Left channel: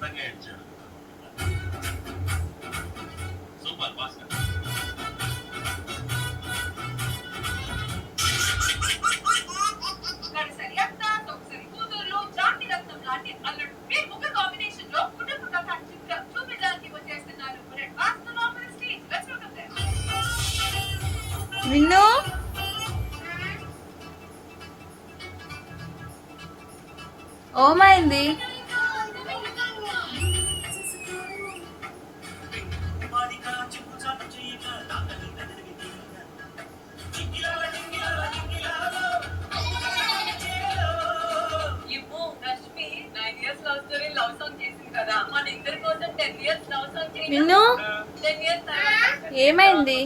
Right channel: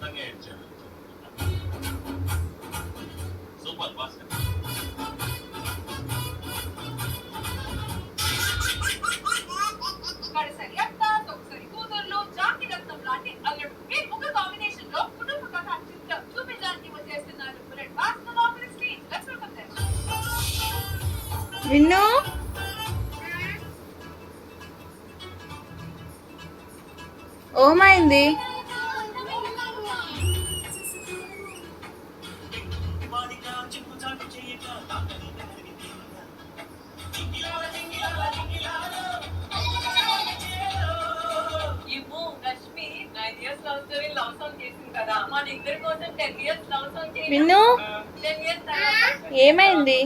అద్భుతంగా ఇచ్చాడు. సూపర్ భాస్కర్. కడసరి అత్త తొక్కసరి కూతుర్లు జాతి రత్నం లాంటి అల్లుడు ఈ ముగ్గురు కాంబినేషన్ లో కుటుంబ కథ చిత్రం చూపించడానికి వచ్చేస్తున్నారు. విన్ను ఓమైంది విన్ను ఏమైంది